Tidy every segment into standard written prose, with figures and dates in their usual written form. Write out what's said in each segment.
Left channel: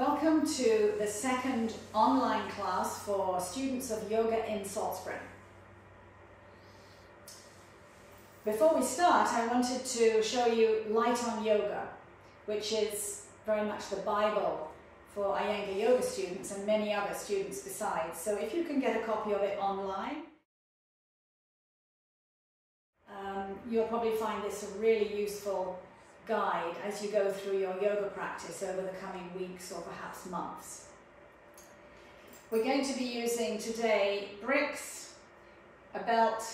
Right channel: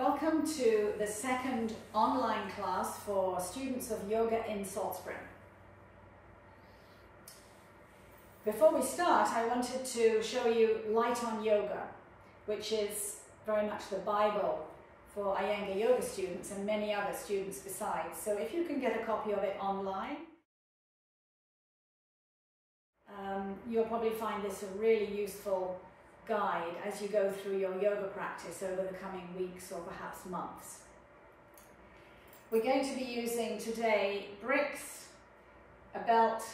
Welcome to the second online class for students of yoga in Salt Spring. Before we start, I wanted to show you Light on Yoga, which is very much the Bible for Iyengar yoga students and many other students besides. So if you can get a copy of it online, you'll probably find this a really useful guide as you go through your yoga practice over the coming weeks or perhaps months. We're going to be using today bricks, a belt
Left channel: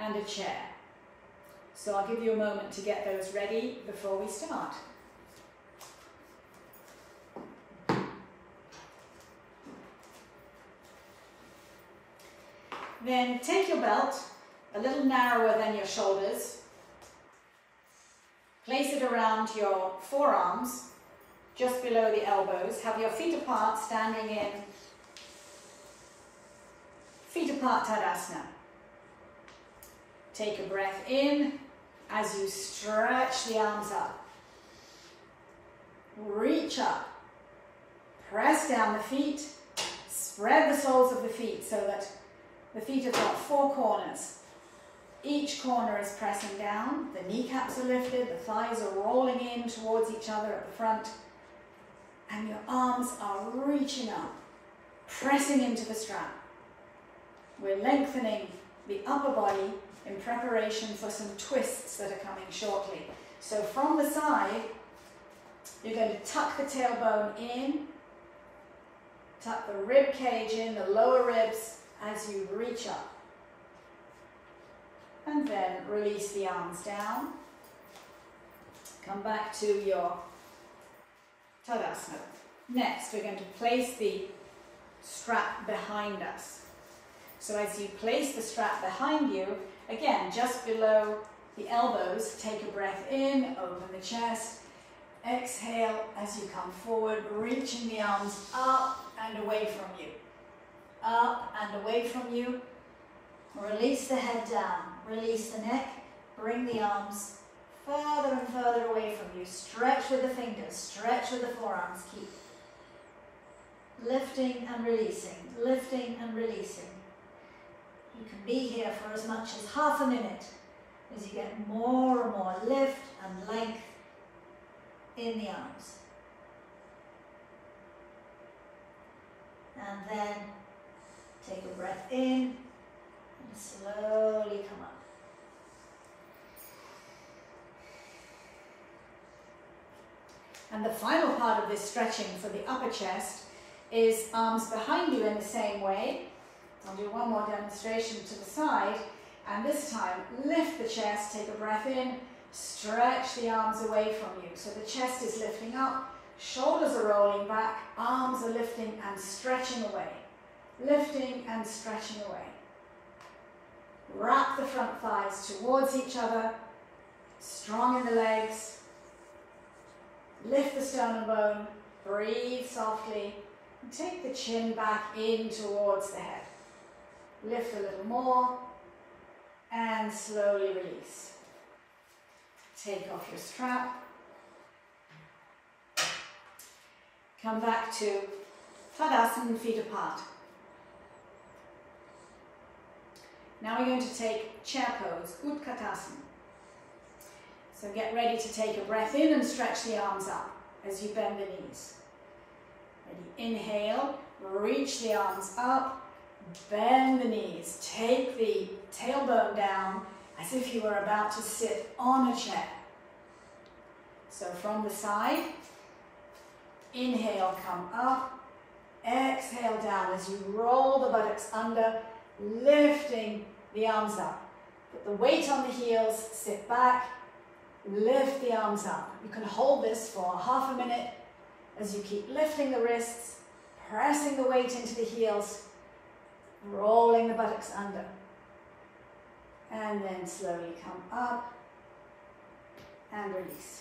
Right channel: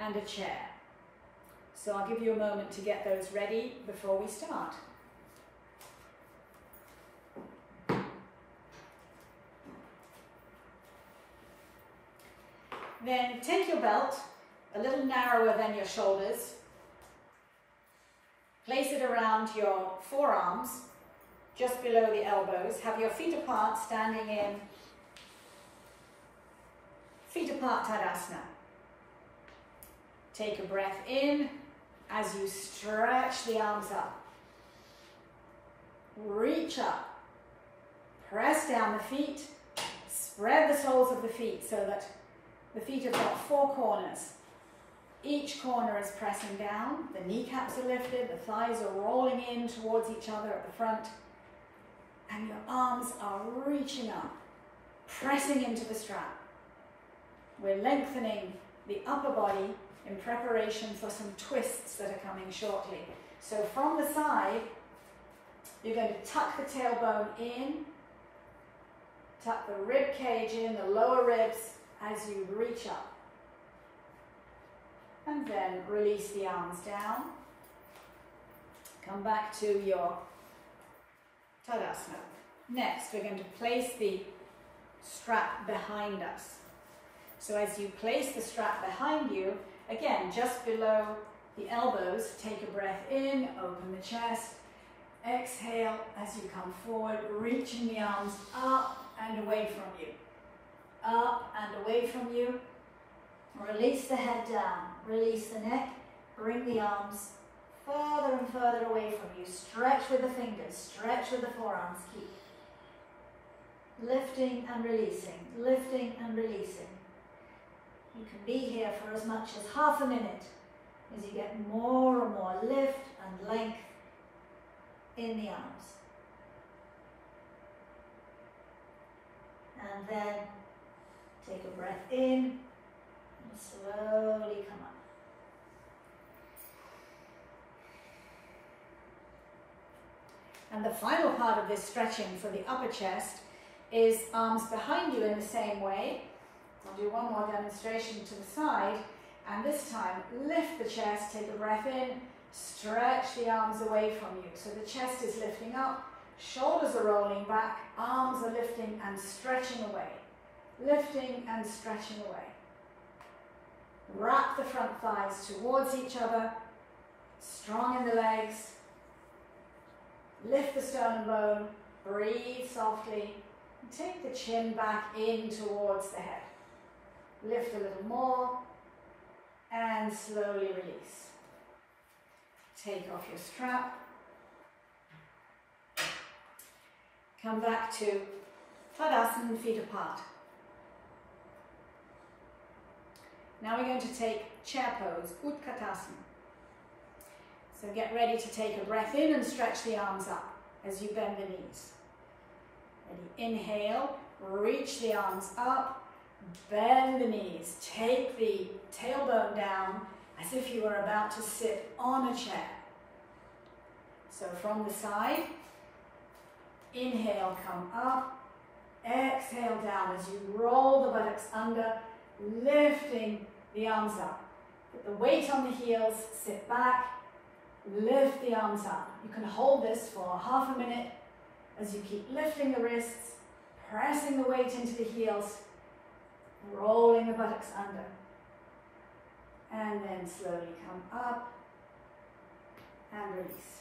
and a chair. So I'll give you a moment to get those ready before we start. Then take your belt, a little narrower than your shoulders. Place it around your forearms, just below the elbows. Have your feet apart, standing in feet apart Tadasana. Take a breath in as you stretch the arms up. Reach up. Press down the feet. Spread the soles of the feet so that the feet have got four corners. Each corner is pressing down, the kneecaps are lifted, the thighs are rolling in towards each other at the front, and your arms are reaching up, pressing into the strap. We're lengthening the upper body in preparation for some twists that are coming shortly. So from the side, you're going to tuck the tailbone in, tuck the rib cage in, the lower ribs, as you reach up. And then release the arms down. Come back to your Tadasana. Next, we're going to place the strap behind us. So as you place the strap behind you, again, just below the elbows, take a breath in, open the chest. Exhale as you come forward, reaching the arms up and away from you. Up and away from you. Release the head down, release the neck, bring the arms further and further away from you. Stretch with the fingers, stretch with the forearms, keep lifting and releasing, lifting and releasing. You can be here for as much as half a minute as you get more and more lift and length in the arms. And then take a breath in. Slowly come up. And the final part of this stretching for the upper chest is arms behind you in the same way. I'll do one more demonstration to the side, and this time lift the chest, take a breath in, stretch the arms away from you. So the chest is lifting up, shoulders are rolling back, arms are lifting and stretching away. Lifting and stretching away. Wrap the front thighs towards each other, strong in the legs. Lift the sternum bone, breathe softly, and take the chin back in towards the head. Lift a little more, and slowly release. Take off your strap. Come back to Tadasana, feet apart. Now we're going to take chair pose, Utkatasana. So get ready to take a breath in and stretch the arms up as you bend the knees. Ready, inhale, reach the arms up, bend the knees. Take the tailbone down as if you were about to sit on a chair. So from the side, inhale, come up, exhale down as you roll the buttocks under, lifting the arms up. Put the weight on the heels, sit back, lift the arms up. You can hold this for half a minute as you keep lifting the wrists, pressing the weight into the heels, rolling the buttocks under. And then slowly come up and release.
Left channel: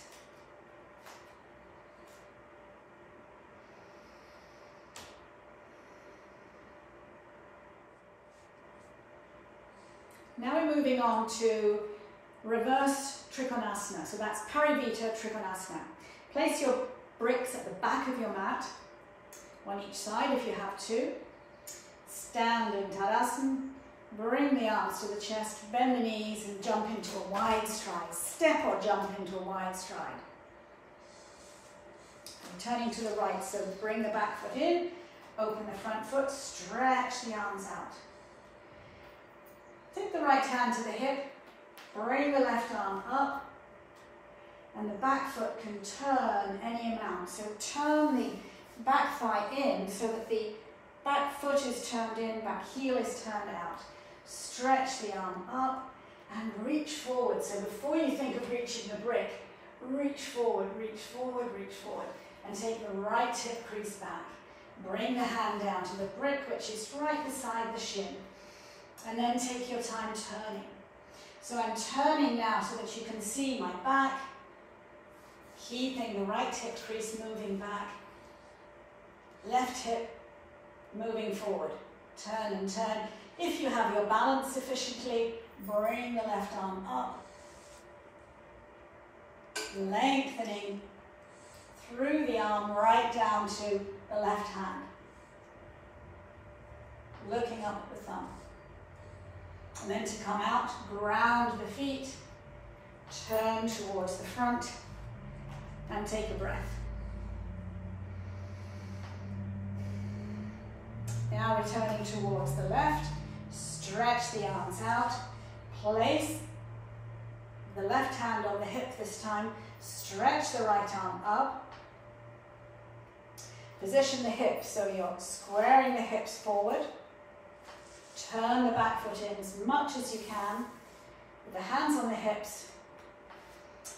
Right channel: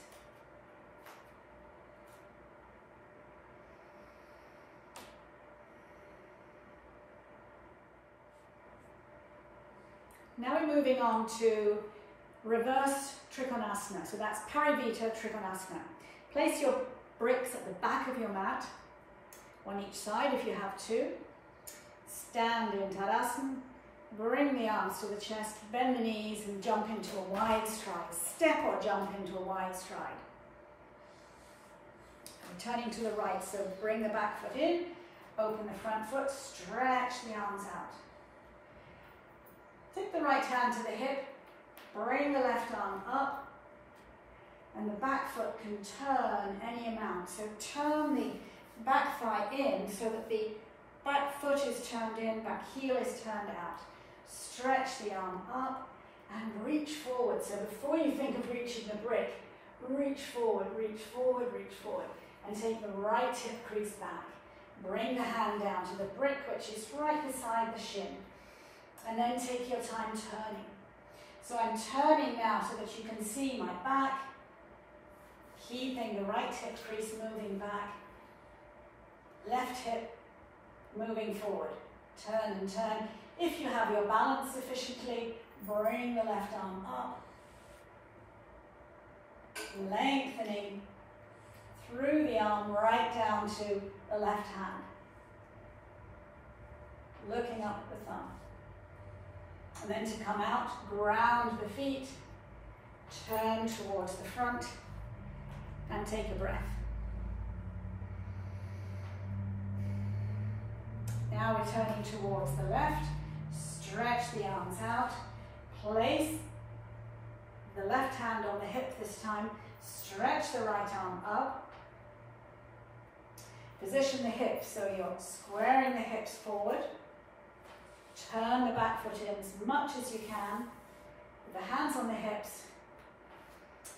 Now we're moving on to reverse Trikonasana. So that's Parivita Trikonasana. Place your bricks at the back of your mat One each side if you have two. Stand in Tadasana. Bring the arms to the chest, bend the knees and jump into a wide stride. Step or jump into a wide stride. Turning to the right, so bring the back foot in, open the front foot, stretch the arms out. Take the right hand to the hip, bring the left arm up, and the back foot can turn any amount. So turn the back thigh in so that the back foot is turned in, back heel is turned out. Stretch the arm up and reach forward. So before you think of reaching the brick, reach forward, reach forward, reach forward. And take the right hip crease back. Bring the hand down to the brick, which is right beside the shin. And then take your time turning. So I'm turning now so that you can see my back, keeping the right hip crease moving back. Left hip moving forward. Turn and turn. If you have your balance sufficiently, bring the left arm up. Lengthening through the arm right down to the left hand. Looking up at the thumb. And then to come out, ground the feet, turn towards the front, and take a breath. Now we're turning towards the left, stretch the arms out, place the left hand on the hip this time, stretch the right arm up, position the hips so you're squaring the hips forward. Turn the back foot in as much as you can. With the hands on the hips.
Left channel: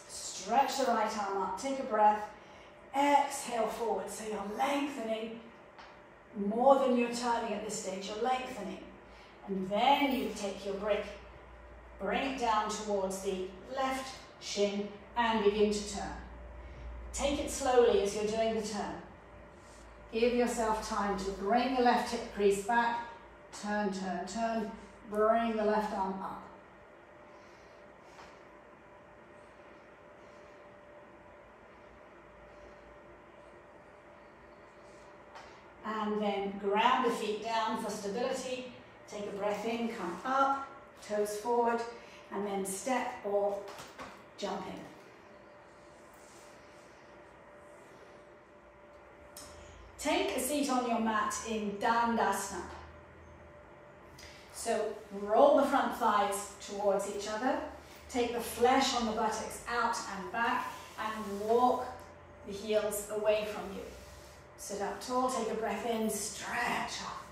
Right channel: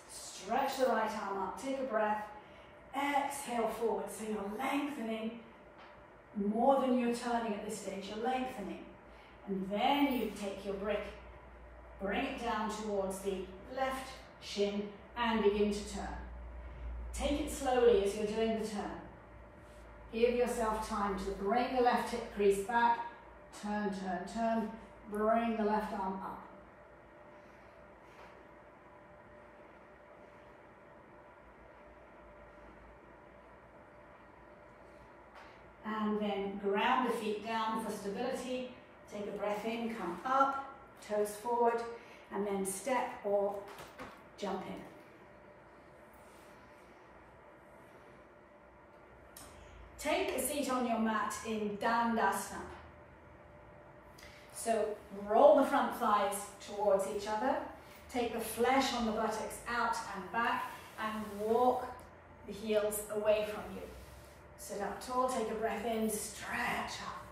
Stretch the right arm up. Take a breath. Exhale forward. So you're lengthening more than you're turning at this stage. You're lengthening. And then you take your brick. Bring it down towards the left shin and begin to turn. Take it slowly as you're doing the turn. Give yourself time to bring the left hip crease back, turn, turn, turn, bring the left arm up. And then ground the feet down for stability, take a breath in, come up, toes forward, and then step or jump in. Take a seat on your mat in Dandasana. So roll the front thighs towards each other. Take the flesh on the buttocks out and back and walk the heels away from you. Sit up tall, take a breath in, stretch up.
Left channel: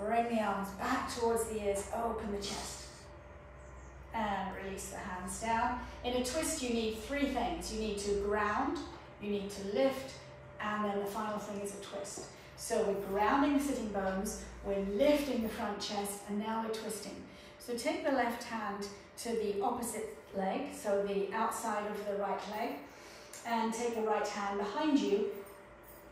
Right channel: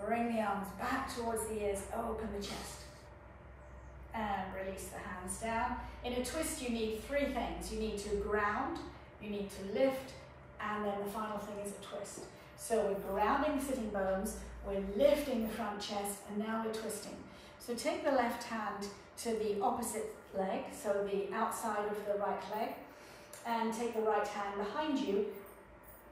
Bring the arms back towards the ears, open the chest. And release the hands down. In a twist you need three things. You need to ground, you need to lift, and then the final thing is a twist. So we're grounding the sitting bones, we're lifting the front chest, and now we're twisting. So take the left hand to the opposite leg, so the outside of the right leg, and take the right hand behind you,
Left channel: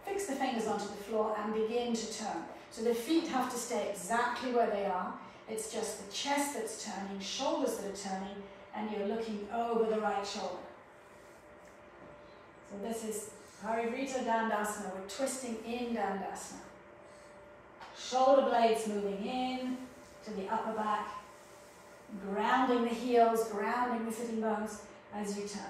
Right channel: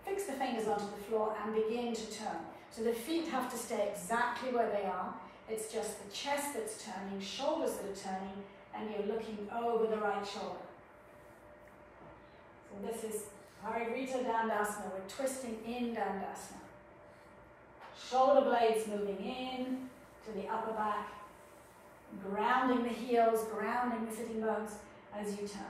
fix the fingers onto the floor, and begin to turn. So the feet have to stay exactly where they are. It's just the chest that's turning, shoulders that are turning, and you're looking over the right shoulder. So this is Parivrita Dandasana. We're twisting in Dandasana. Shoulder blades moving in to the upper back, grounding the heels, grounding the sitting bones as you turn.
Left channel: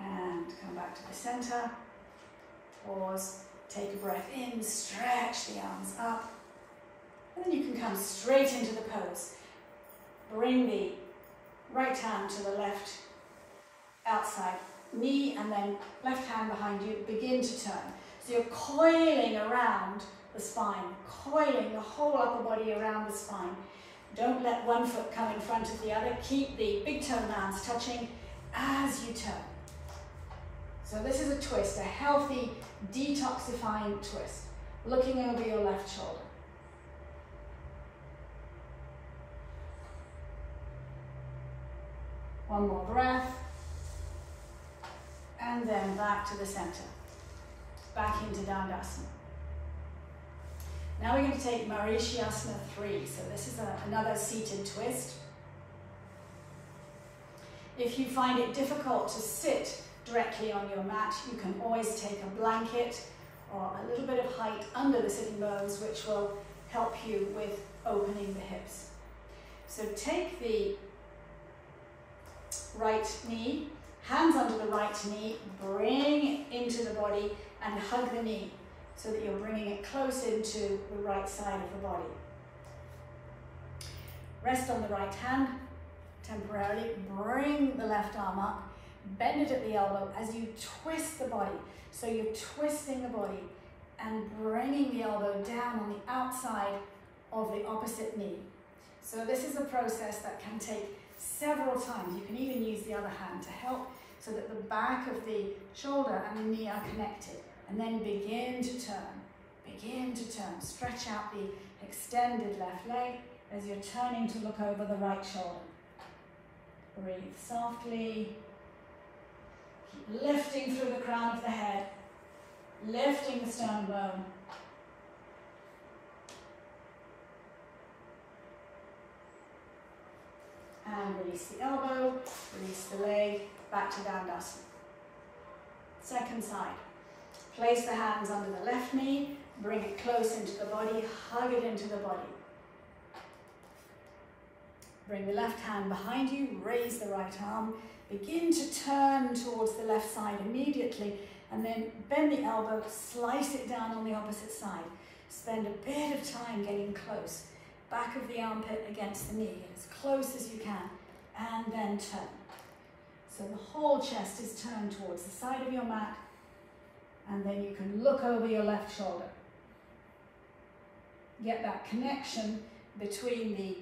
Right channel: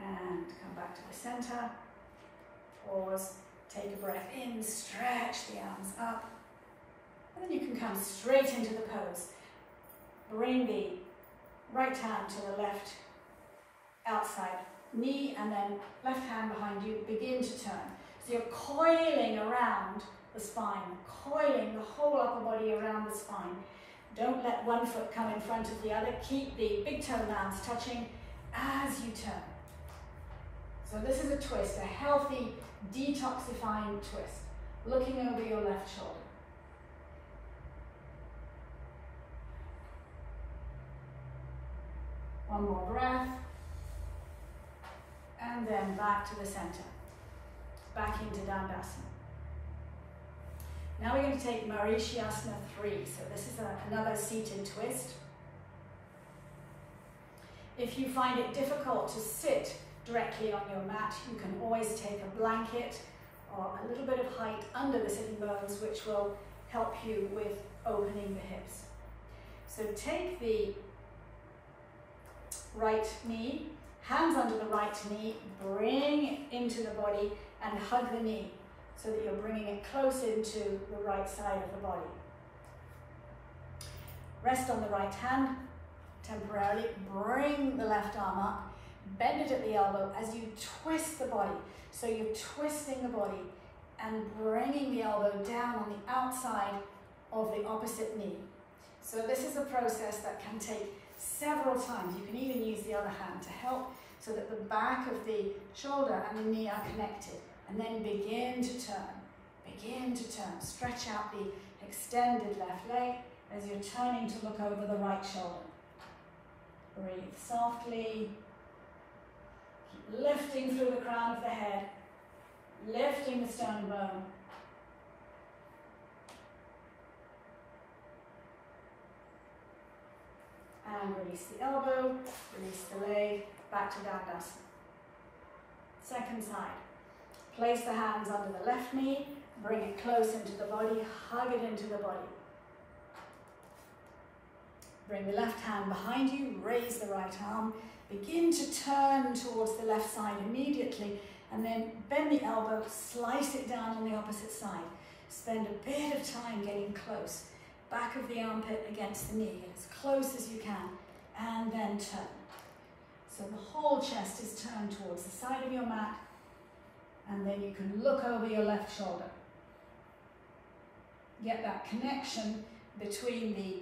And come back to the center. Pause, take a breath in, stretch the arms up. And then you can come straight into the pose. Bring the right hand to the left outside knee and then left hand behind you, begin to turn. So you're coiling around the spine, coiling the whole upper body around the spine. Don't let one foot come in front of the other. Keep the big toe mounds touching as you turn. So this is a twist, a healthy, detoxifying twist. Looking over your left shoulder. One more breath. And then back to the center. Back into Dandasana. Now we're going to take Marishyasana 3. So this is another seated twist. If you find it difficult to sit directly on your mat. You can always take a blanket or a little bit of height under the sitting bones, which will help you with opening the hips. So take the right knee, hands under the right knee, bring it into the body and hug the knee so that you're bringing it close into the right side of the body. Rest on the right hand temporarily, bring the left arm up, bend it at the elbow as you twist the body. So you're twisting the body and bringing the elbow down on the outside of the opposite knee. So this is a process that can take several times. You can even use the other hand to help so that the back of the shoulder and the knee are connected. And then begin to turn, begin to turn. Stretch out the extended left leg as you're turning to look over the right shoulder. Breathe softly. Keep lifting through the crown of the head, lifting the sternum bone. And release the elbow, release the leg, back to Dandasana. Second side. Place the hands under the left knee, bring it close into the body, hug it into the body. Bring the left hand behind you, raise the right arm, begin to turn towards the left side immediately, and then bend the elbow, slice it down on the opposite side. Spend a bit of time getting close. Back of the armpit against the knee, get as close as you can, and then turn. So the whole chest is turned towards the side of your mat, and then you can look over your left shoulder. Get that connection between the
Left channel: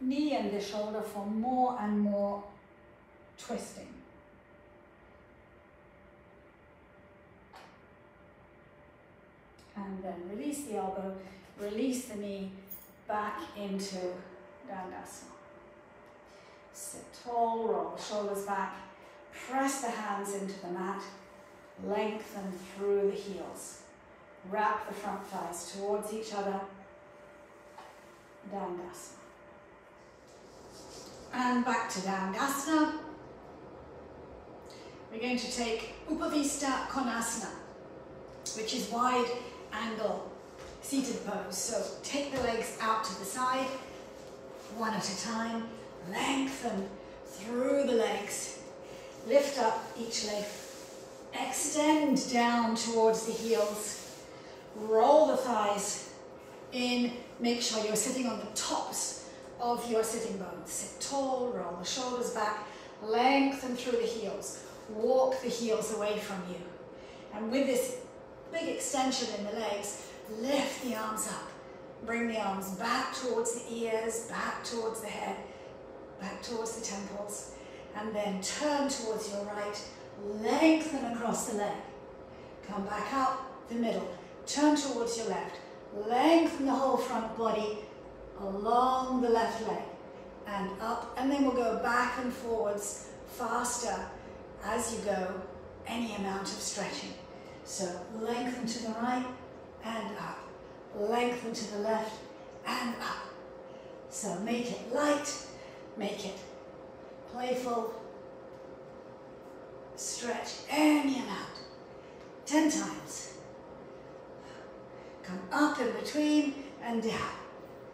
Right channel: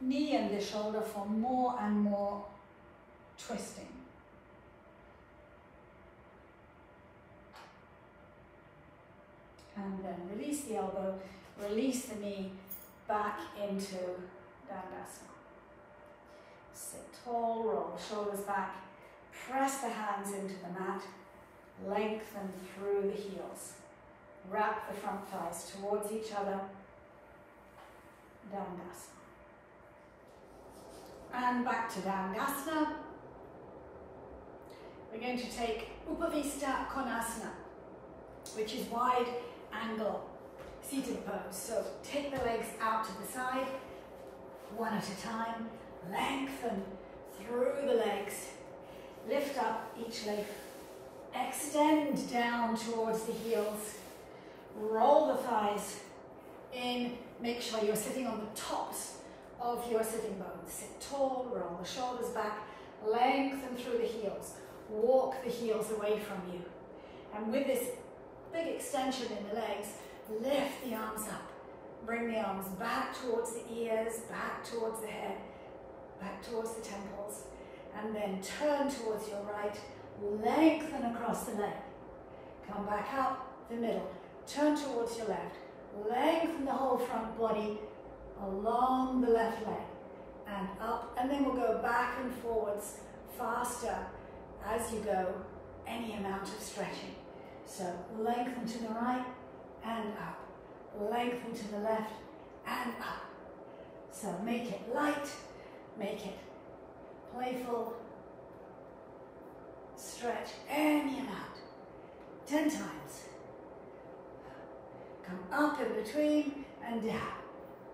knee and the shoulder for more and more twisting. And then release the elbow, release the knee, back into Dandasana. Sit tall, roll the shoulders back, press the hands into the mat, lengthen through the heels. Wrap the front thighs towards each other, Dandasana. And back to Dandasana. We're going to take Upavista Konasana, which is wide angle seated pose. So take the legs out to the side, one at a time, lengthen through the legs, lift up each leg, extend down towards the heels, roll the thighs in, make sure you're sitting on the tops of your sitting bones. Sit tall, roll the shoulders back, lengthen through the heels, walk the heels away from you. And with this big extension in the legs, lift the arms up. Bring the arms back towards the ears, back towards the head, back towards the temples, and then turn towards your right, lengthen across the leg. Come back up the middle, turn towards your left, lengthen the whole front body along the left leg and up, and then we'll go back and forwards faster as you go, any amount of stretching. So lengthen to the right and up, lengthen to the left and up. So make it light, make it playful, stretch any amount, 10 times. Come up in between and down,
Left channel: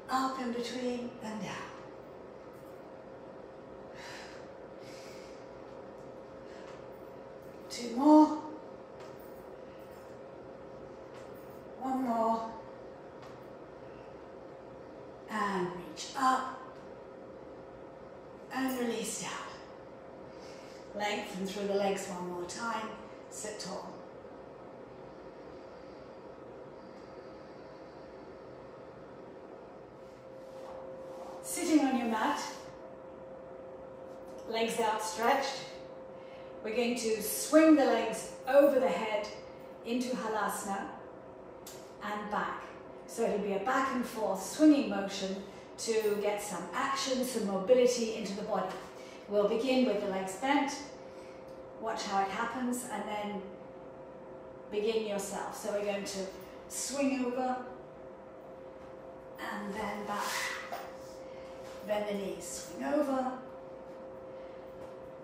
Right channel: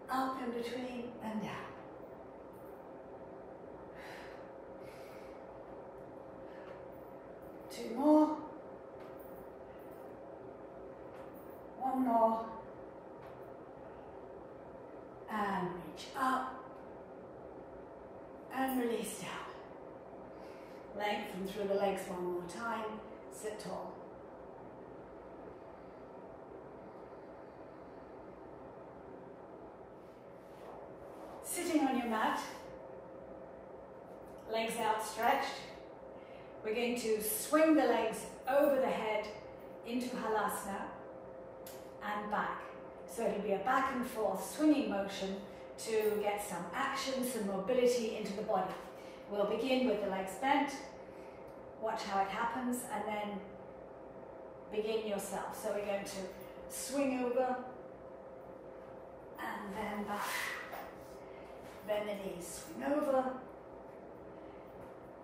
up in between and down. Two more. One more. And reach up. And release down. Lengthen through the legs one more time. Sit tall. Sitting on your mat, legs outstretched. We're going to swing the legs over the head into Halasana and back. So it'll be a back and forth swinging motion to get some action, some mobility into the body. We'll begin with the legs bent, watch how it happens, and then begin yourself. So we're going to swing over and then back. Bend the knees, swing over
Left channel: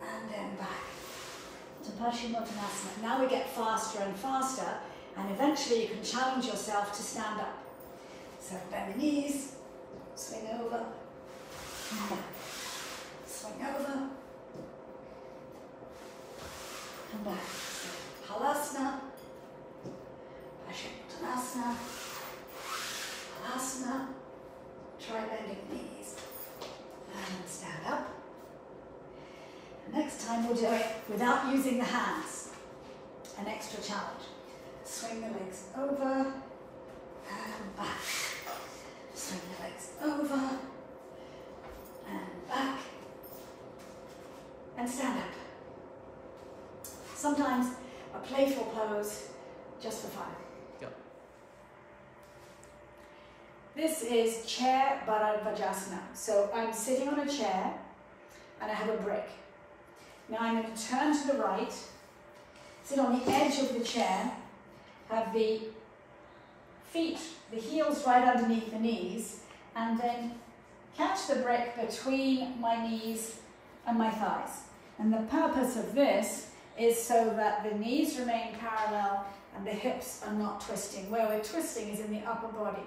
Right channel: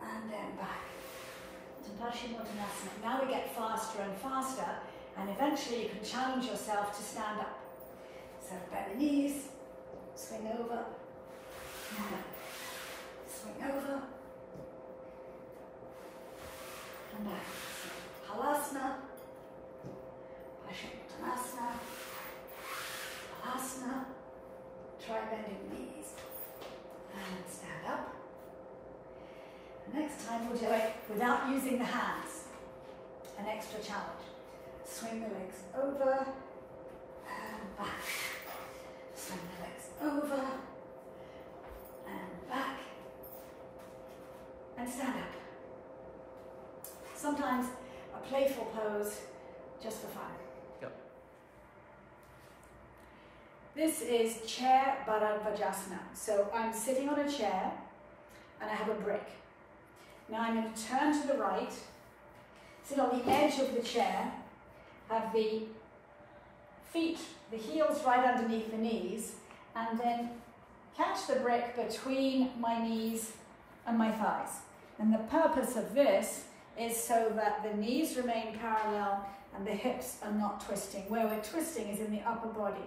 and then back. To Paschimottanasana. Now we get faster and faster, and eventually you can challenge yourself to stand up. So bend the knees, swing over, swing over, come back. So, Halasana, Paschimottanasana, Halasana. Try bending the knees and stand up. Next time we'll do it without using the hands. An extra challenge. Swing the legs over and back. Swing the legs over and back. And stand up. Sometimes a playful pose just for fun. Yep. This is chair Bharadvajasana. So I'm sitting on a chair and I have a brick. Now I'm going to turn to the right, sit on the edge of the chair, have the feet, the heels right underneath the knees, and then catch the brick between my knees and my thighs. And the purpose of this is so that the knees remain parallel and the hips are not twisting. Where we're twisting is in the upper body.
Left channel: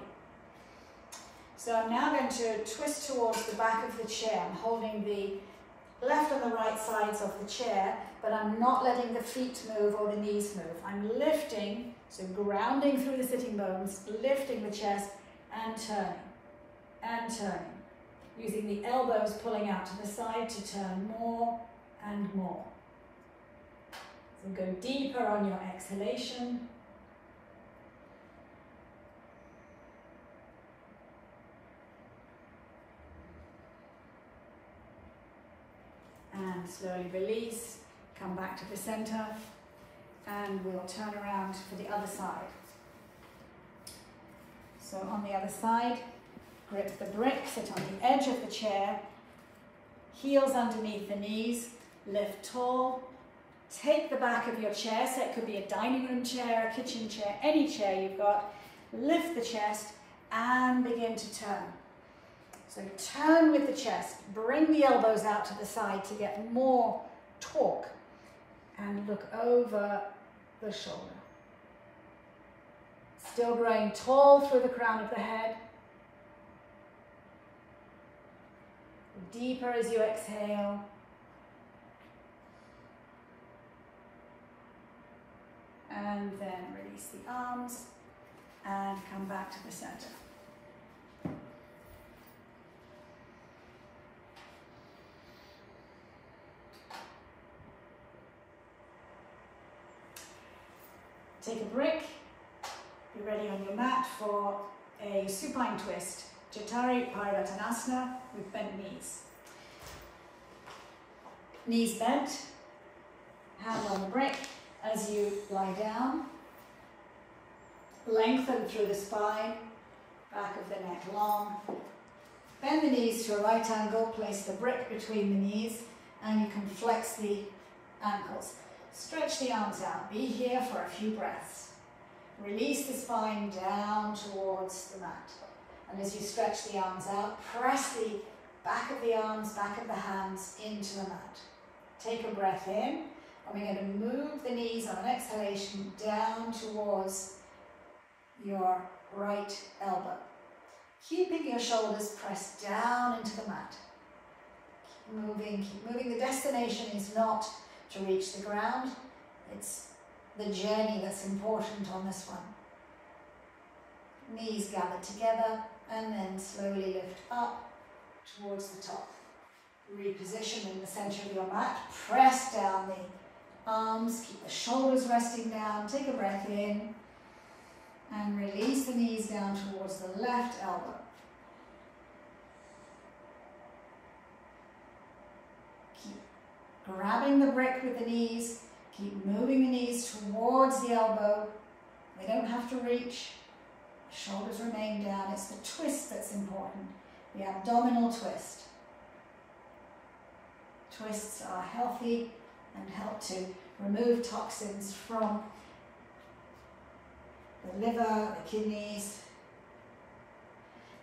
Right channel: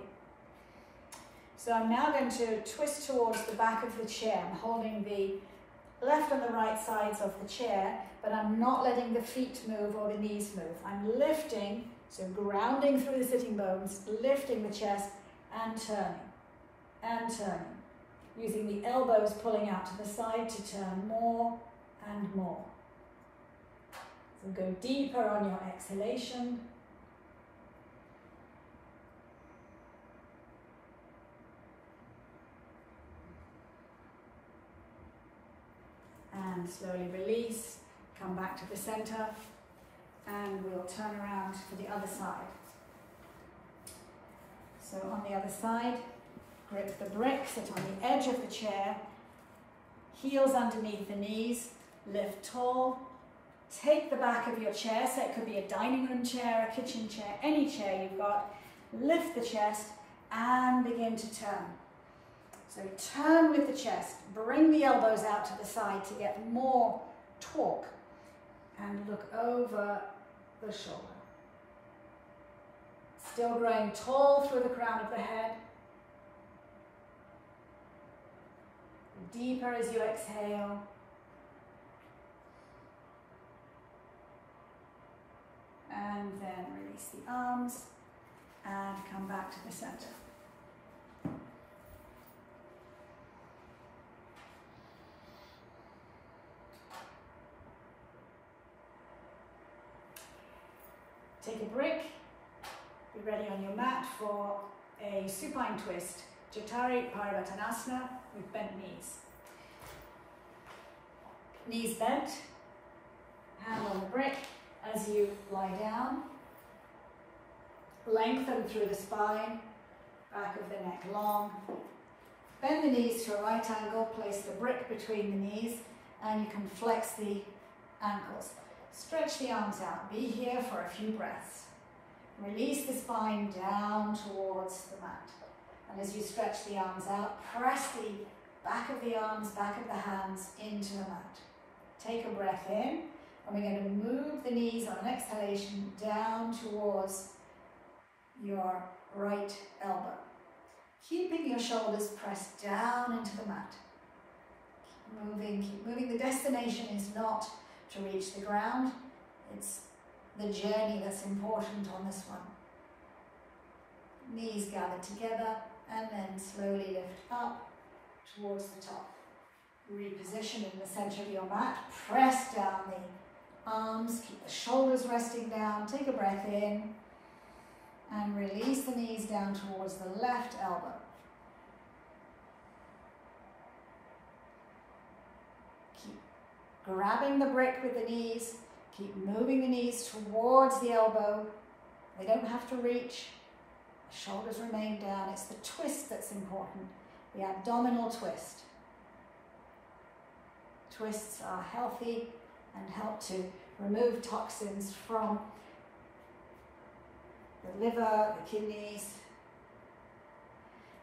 So I'm now going to twist towards the back of the chair. I'm holding the left and the right sides of the chair, but I'm not letting the feet move or the knees move. I'm lifting, so grounding through the sitting bones, lifting the chest and turning, using the elbows pulling out to the side to turn more and more. So go deeper on your exhalation. And slowly release, come back to the center, and we'll turn around for the other side. So on the other side, grip the brick, sit on the edge of the chair, heels underneath the knees, lift tall, take the back of your chair, so it could be a dining room chair, a kitchen chair, any chair you've got, lift the chest and begin to turn. So turn with the chest, bring the elbows out to the side to get more torque, and look over the shoulder. Still growing tall through the crown of the head. Deeper as you exhale. And then release the arms and come back to the center. Take a brick, be ready on your mat for a supine twist, Jatari Parivartanasana with bent knees. Knees bent, hand on the brick as you lie down. Lengthen through the spine, back of the neck long. Bend the knees to a right angle, place the brick between the knees, and you can flex the ankles. Stretch the arms out. Be here for a few breaths. Release the spine down towards the mat. And as you stretch the arms out, press the back of the arms, back of the hands into the mat. Take a breath in, and we're going to move the knees on an exhalation down towards your right elbow. Keeping your shoulders pressed down into the mat. Keep moving. The destination is not to reach the ground. It's the journey that's important on this one. Knees gather together and then slowly lift up towards the top. Reposition in the center of your mat. Press down the arms. Keep the shoulders resting down. Take a breath in and release the knees down towards the left elbow. Grabbing the brick with the knees, keep moving the knees towards the elbow. They don't have to reach. The shoulders remain down. It's the twist that's important, the abdominal twist. Twists are healthy and help to remove toxins from the liver, the kidneys.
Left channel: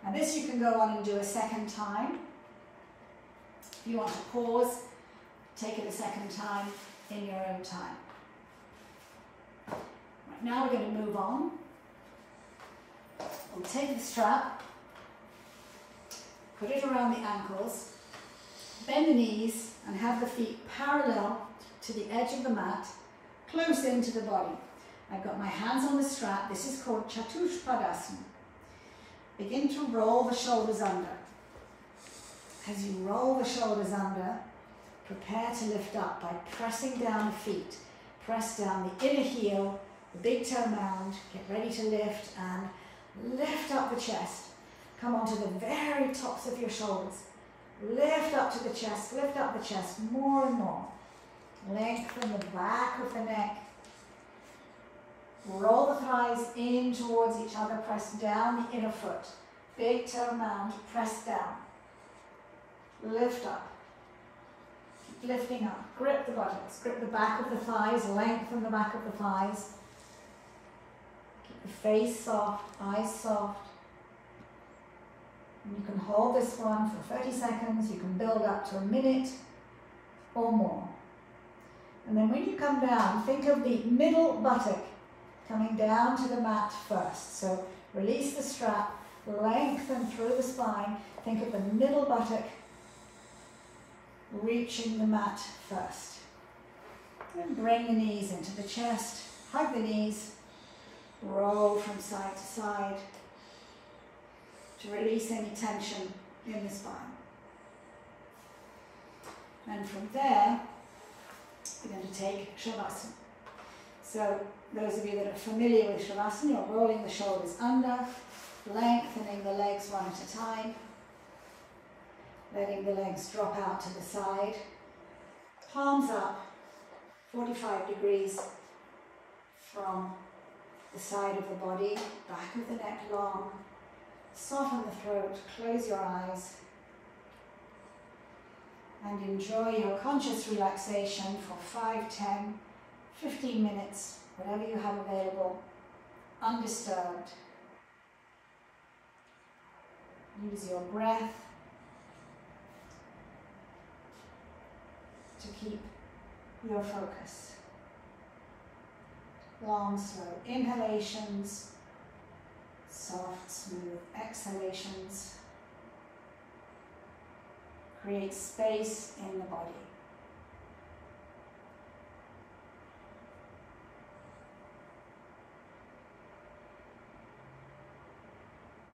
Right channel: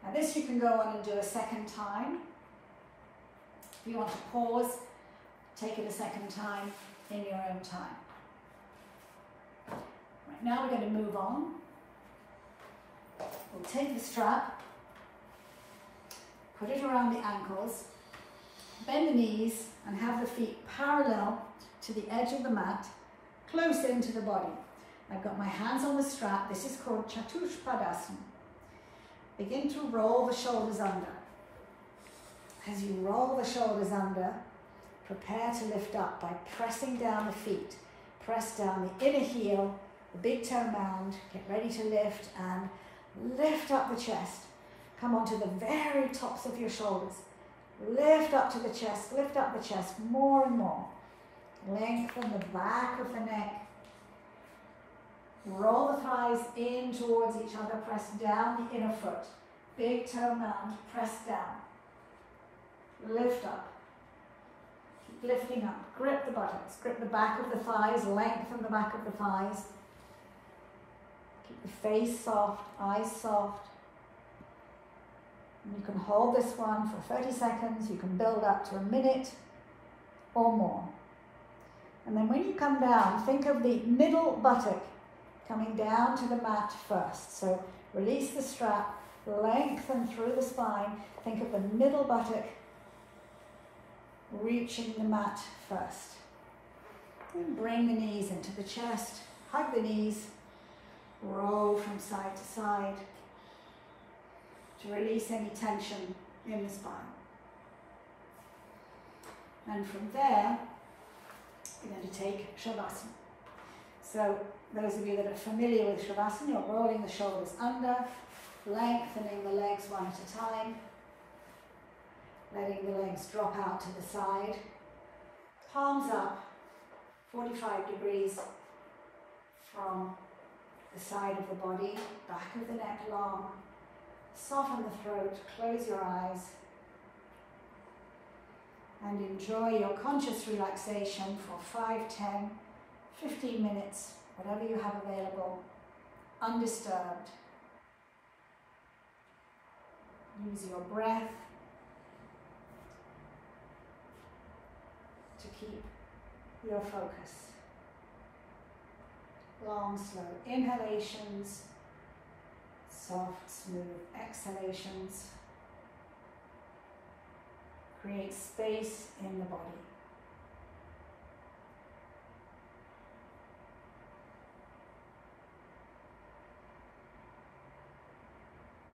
Now this you can go on and do a second time. If you want to pause, take it a second time in your own time. Now we're going to move on. We'll take the strap, put it around the ankles, bend the knees and have the feet parallel to the edge of the mat, close into the body. I've got my hands on the strap. This is called Chaturpadasana. Begin to roll the shoulders under. As you roll the shoulders under, prepare to lift up by pressing down the feet. Press down the inner heel, the big toe mound. Get ready to lift and lift up the chest. Come onto the very tops of your shoulders. Lift up to the chest, lift up the chest more and more. Lengthen the back of the neck. Roll the thighs in towards each other, press down the inner foot. Big toe mound, press down. Lift up. Keep lifting up. Grip the buttocks, grip the back of the thighs, lengthen the back of the thighs. Keep the face soft, eyes soft. And you can hold this one for 30 seconds. You can build up to a minute or more. And then when you come down, think of the middle buttock coming down to the mat first. So release the strap, lengthen through the spine. Think of the middle buttock reaching the mat first. And bring the knees into the chest, hug the knees, roll from side to side to release any tension in the spine. And from there, we're going to take Shavasana. So those of you that are familiar with Shavasana, you're rolling the shoulders under, lengthening the legs one at a time, letting the legs drop out to the side, palms up, 45 degrees from the side of the body, back of the neck long, soften the throat, close your eyes, and enjoy your conscious relaxation for 5, 10, 15 minutes, whatever you have available, undisturbed. Use your breath to keep your focus. Long, slow inhalations, soft, smooth exhalations. Create space in the body.